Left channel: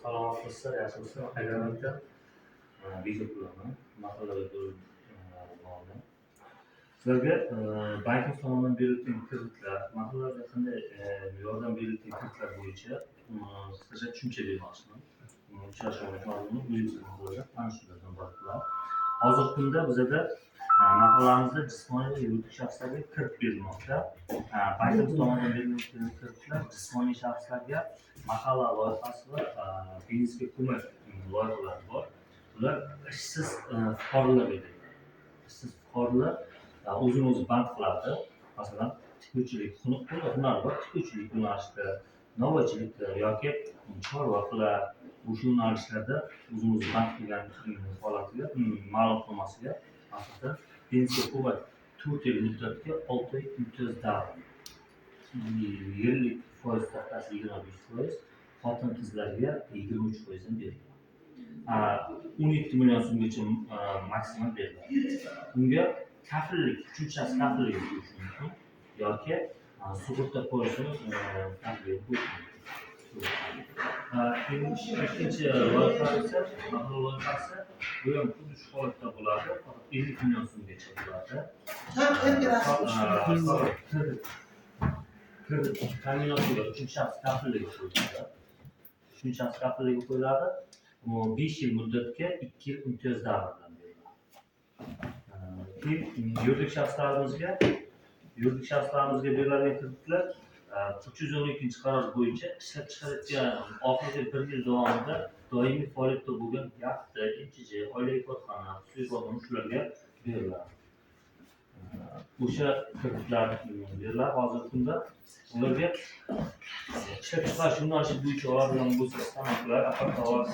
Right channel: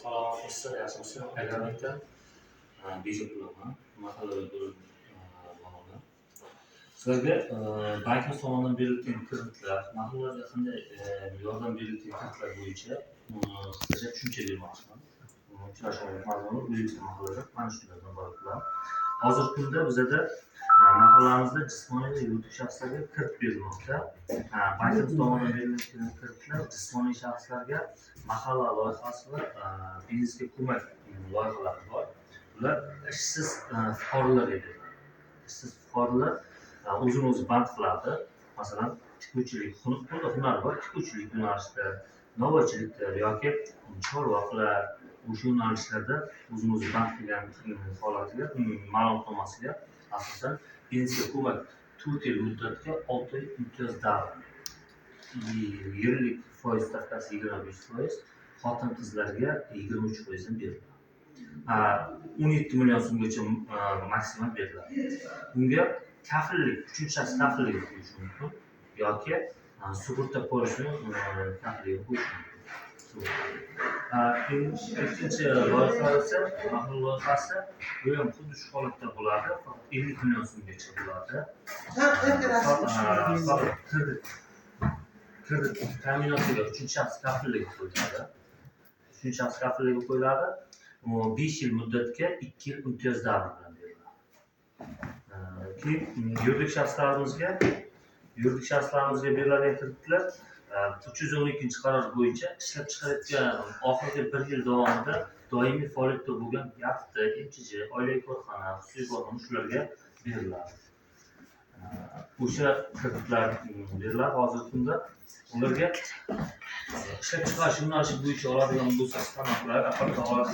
Salomatlikda yaxshisi agronomda bejib qilaman. Mahallaga bog'da. Sizlarga bankimiz tomonidan berilgan kreditlar, mahallalarga qanday yordam berilgan kreditlar bo'yicha qisqacha tushuncha bermoqchiman. Uchrashuvlar mazmuni O'zbekiston mahallada mana shulardan iborat. Hozirgi kunda bizda mahallamizda jismoniy va yuridik shaxslarga kredit berilmoqda. Bankimiz tomonidan berilgan kreditlar jismoniy shaxslarga mahalla loyihasi va biznesga ko'mak loyihalari bor. Ular ishsiz fuqarolarga beriladi. Ishsiz fuqarolar o'zini o'zi band qiladi. Masalan, tikuvchilik hunari bor, tikuvchilik yo'nalishida, novvoychilikda yoki chorva qilar, o'sha yo'nalishlarda o'zini o'zi band qilgan holatiga ma'lum qilmasiga asosan pensiya ko'mak 4 yil muddatga 6 oy imtiyoz davri. Yillik foiz stavkasi 25%, xotin-qizlarga 23% dan beriladi. 17 million so'mgacha maksimum beriladi. Bunga kafillik, uchinchi shaxs kafilligi bo'lishi mumkin yoki sug'urta polisi kafilligi bo'lishi mumkin. Ikkinchi loyiha esa mahalla loyihasi, bu ham xuddi shu holatda bo'ladi, faqat 50 million so'mgacha bo'ladi. Kredit ta'minotiga uchinchi shaxs kafilligi qo'yiladi. Uchinchi shaxs kafilligi qo'yiladi. 5 yil muddatga 2 yil imtiyoz davri bilan beriladi. Keyin yuridik shaxslarimizga beriladigan kreditlar 312-qaror bo'yicha ishlab chiqarayotgan oxirgi 1 yil davomida doimiy faoliyatda bo'lgan yaxta, MCJ, oilaviy korxona, xususiy korxona shularga beriladi. O'sha kreditlar beriladi hozirgi kunda. Ularga ishlab chiqarish yo'nalishi bo'yicha oladigan bo'lsa, stanovlar, apparatlar